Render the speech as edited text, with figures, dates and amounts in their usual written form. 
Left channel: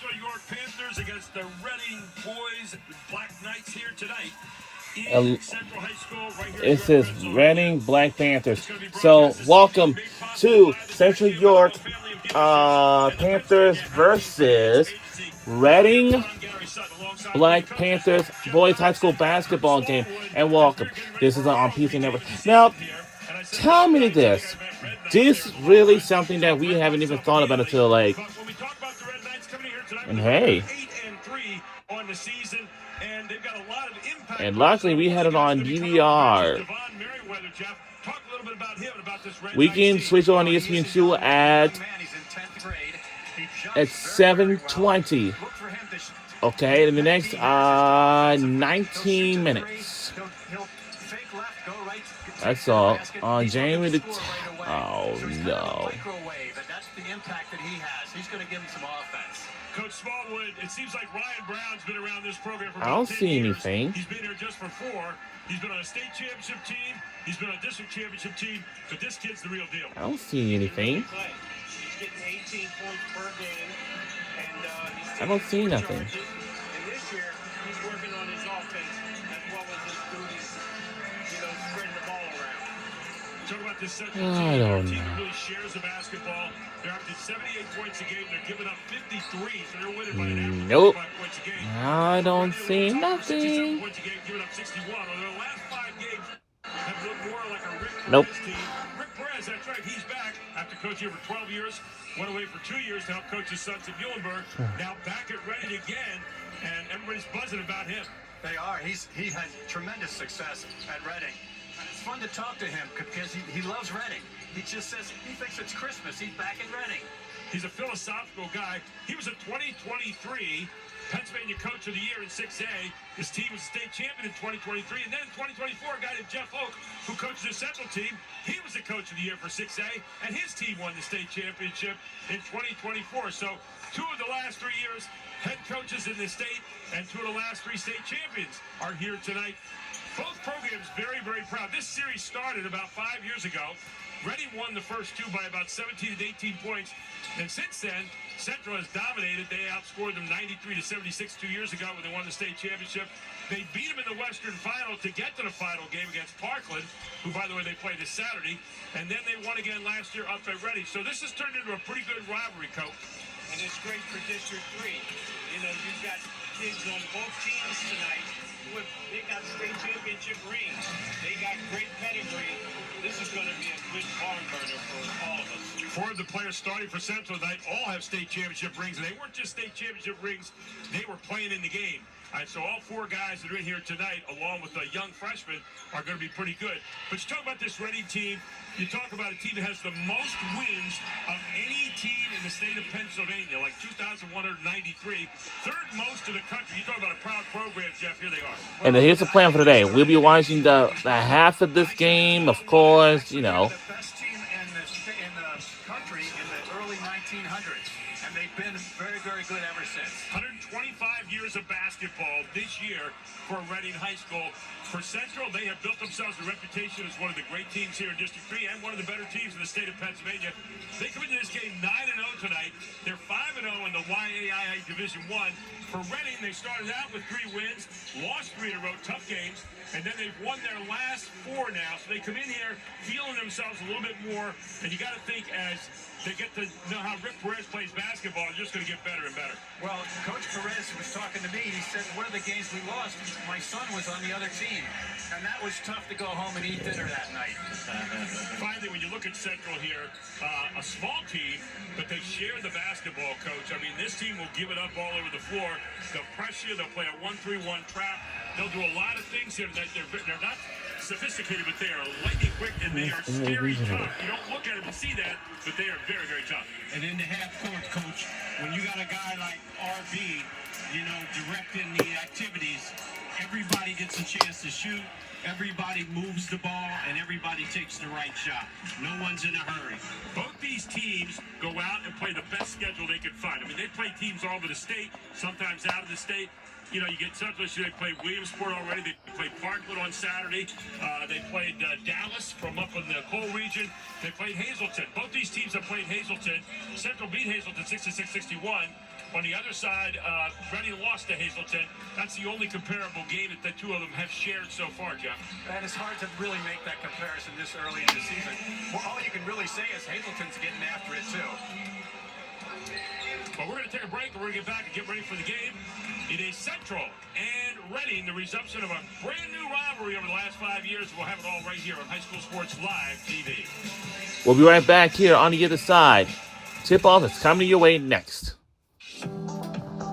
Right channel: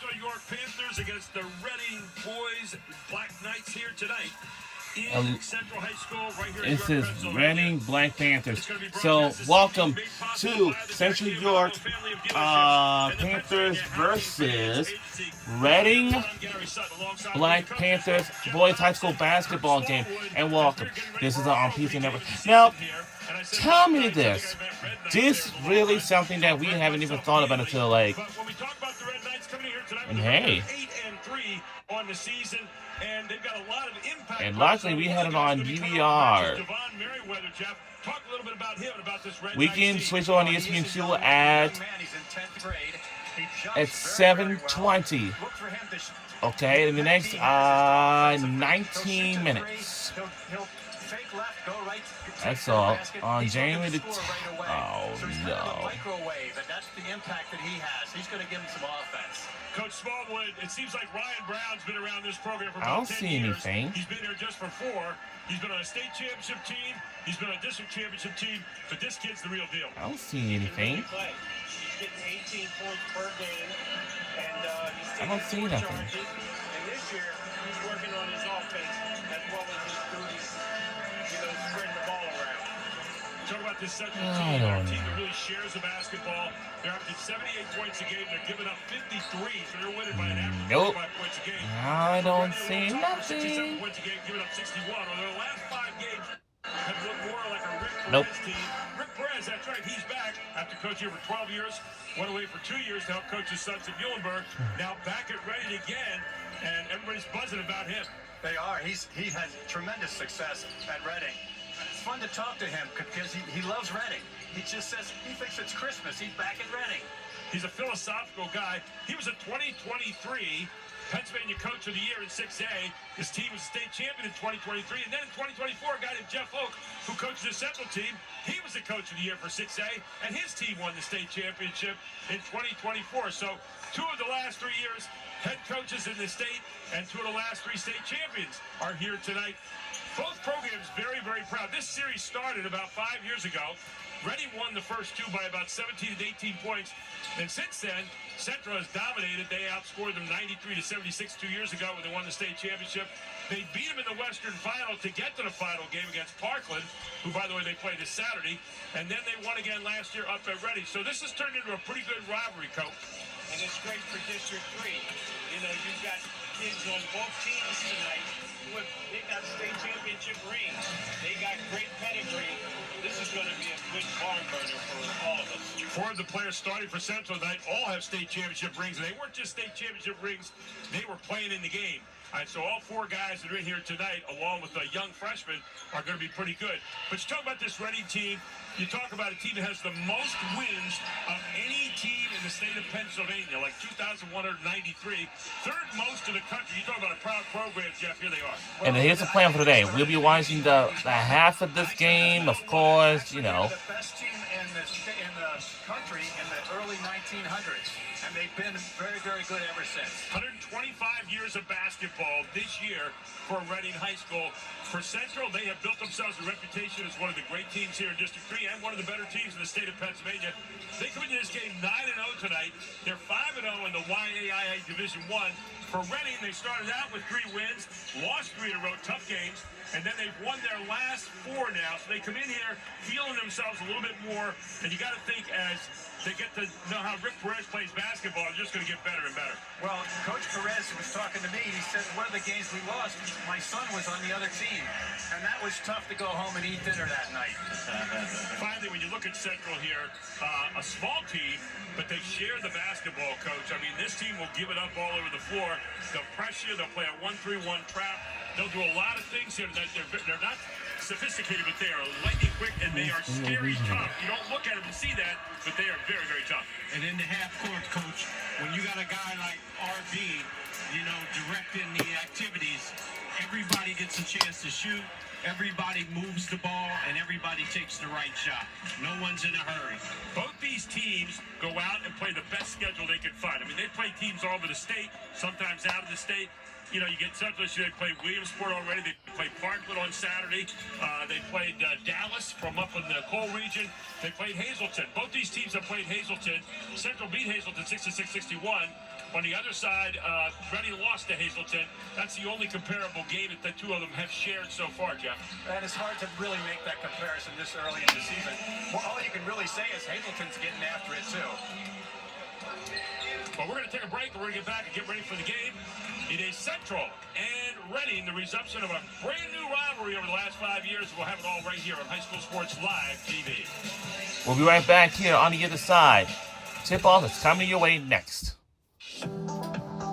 Central York Panthers against the Reading Boys Black Knights here tonight. Central High School, right here. This is Reading Black Panthers. So, welcome to Central York Panthers versus Reading Black Panthers Boys High School basketball game. And welcome. This is on PC Network. Now, tell me this. This really something that we haven't even thought about until like. And hey. And luckily, we had it on DVR. We can switch on ESPN2 at 7:20. Okay, in the next 19 minutes. That's all. On January the 10th. Oh, no. That's the impact that he has. He's going to give him some offense. Coach Smallwood, it seems like Ryan Brown's been around this program for about 10 I don't see years. anything. He's been here just for 4. He's been on a state championship team. He's been on a district championship team. But this kid's the real deal. I don't see anything. He's getting 18 points per game. And I don't see nothing. And this year, he's working on his offense as well as his duties, spreading the ball around. Talk about this Central team. They're a team that really shares the basketball. They're averaging 78 points a game. They're giving up 53, so they're winning by an average of 55 points a game. I don't see nothing. 67 points a game, giving up 61. Although their last 5 games have looked more like a Rick Perez team. Rick Perez, that's right, he's back after coaching here for 12 years. Went away for 2 years to help coach his sons at Muhlenberg. Now back at Reading again, and everybody's buzzing about him. They are. He had tremendous success at Reading. It's fun to talk to him because he loves Reading. He just says he thinks it's Christmas. He's back in Reading. He's a philosophical guy. He was a 2023 Pennsylvania Coach of the Year in 6A. His team was state champion in 2023. And then in 2024, a guy named Jeff Oak, who coached the Central team, he was the Coach of the Year for 6A. And his team won the state championship in 2024. So 2 of the last 3 years, head coaches in the state, and 2 of the last 3 state champions are here tonight. Both programs very, very proud. This series started about 5 years ago. Reading won the first 2 by about 17 to 18 points. And since then, Central has dominated. They outscored them 93 to 76 2 years ago when they won the state championship. They beat them in the Western Final to get to the final game against Parkland, who, by the way, they play this Saturday. And then they won again last year up at Reading. So this has turned into a pretty good rivalry, Coach. And it's great for District 3. You've got kids on both teams tonight. They got state championship rings. They got great pedigree. This is going to be a good barn burner for all of us. 4 of the players starting for Central tonight all have state championship rings, and they weren't just state championship rings, they were playing in the game. All right, so all 4 guys that are in here tonight, along with the young freshmen, are going to be pretty good. But you talk about this Reading team, you talk about a team that has the most wins of any team in the state of Pennsylvania, like 2,193, 3rd most in the country. You talk about a proud program, Jeff, here they are. And here's the plan for today. We'll be watching the half of this game, of course, The best team in the country in the early 1900s. And they've been very, very good ever since. 125 years of basketball this year for Reading High School. For Central, they have built themselves a reputation as one of the great teams here in District 3 and one of the better teams in the state of Pennsylvania. They come into this game 9-0 tonight. They're 5-0 in the YAIA Division I. For Reading, they started out with 3 wins, lost 3 in a row, tough games, and then they've won their last 4 now. So they come in here feeling themselves a little bit more, and you got to think as they get to know how Rick Perez plays basketball, they're just going to get better and better. Well, Coach Perez was talking to me. He said, one of the games we lost, my son was on the other team. And that was tough to go home and eat dinner that night. Finally, when you look at Central here, a small team, but they share the basketball, Coach. I mean, this team will give it up all over the floor. They'll press you. They'll play a 1-3-1 trap. They'll do a lot of things here tonight. They're not sophisticated, but they are lightning quick, and they are scary tough. You don't look at them and see that, but they are very, very tough. And in the half court, Coach, when you got a guy like RB, directing the activities, everybody gets a chance to shoot, everybody moves the ball, and everybody takes the right shot. No one's in a hurry. Both these teams go out and play the best schedule they can find. I mean, they play teams all over the state, sometimes out of the state. You know, you get Central this year, they played Williamsport already. They played Parkland on Saturday. They played Dallas from up in the coal region. They played Hazleton. Both these teams have played Hazleton. Central beat Hazleton 66-61. On the other side, Reading lost to Hazleton. That's the only comparable game that the two of them have shared so far, Jeff. And it's hard to really make that comparison this early in the season. Well, all you can really say is Hazleton's getting after it, too. But we're going to take a break, and we're going to get back and get ready for the game. It is Central and Reading, the resumption of a brand new rivalry over the last 5 years. We'll have it all right here on High School Sports Live TV. We'll be right back here on the other side. Tip-off is coming your way next.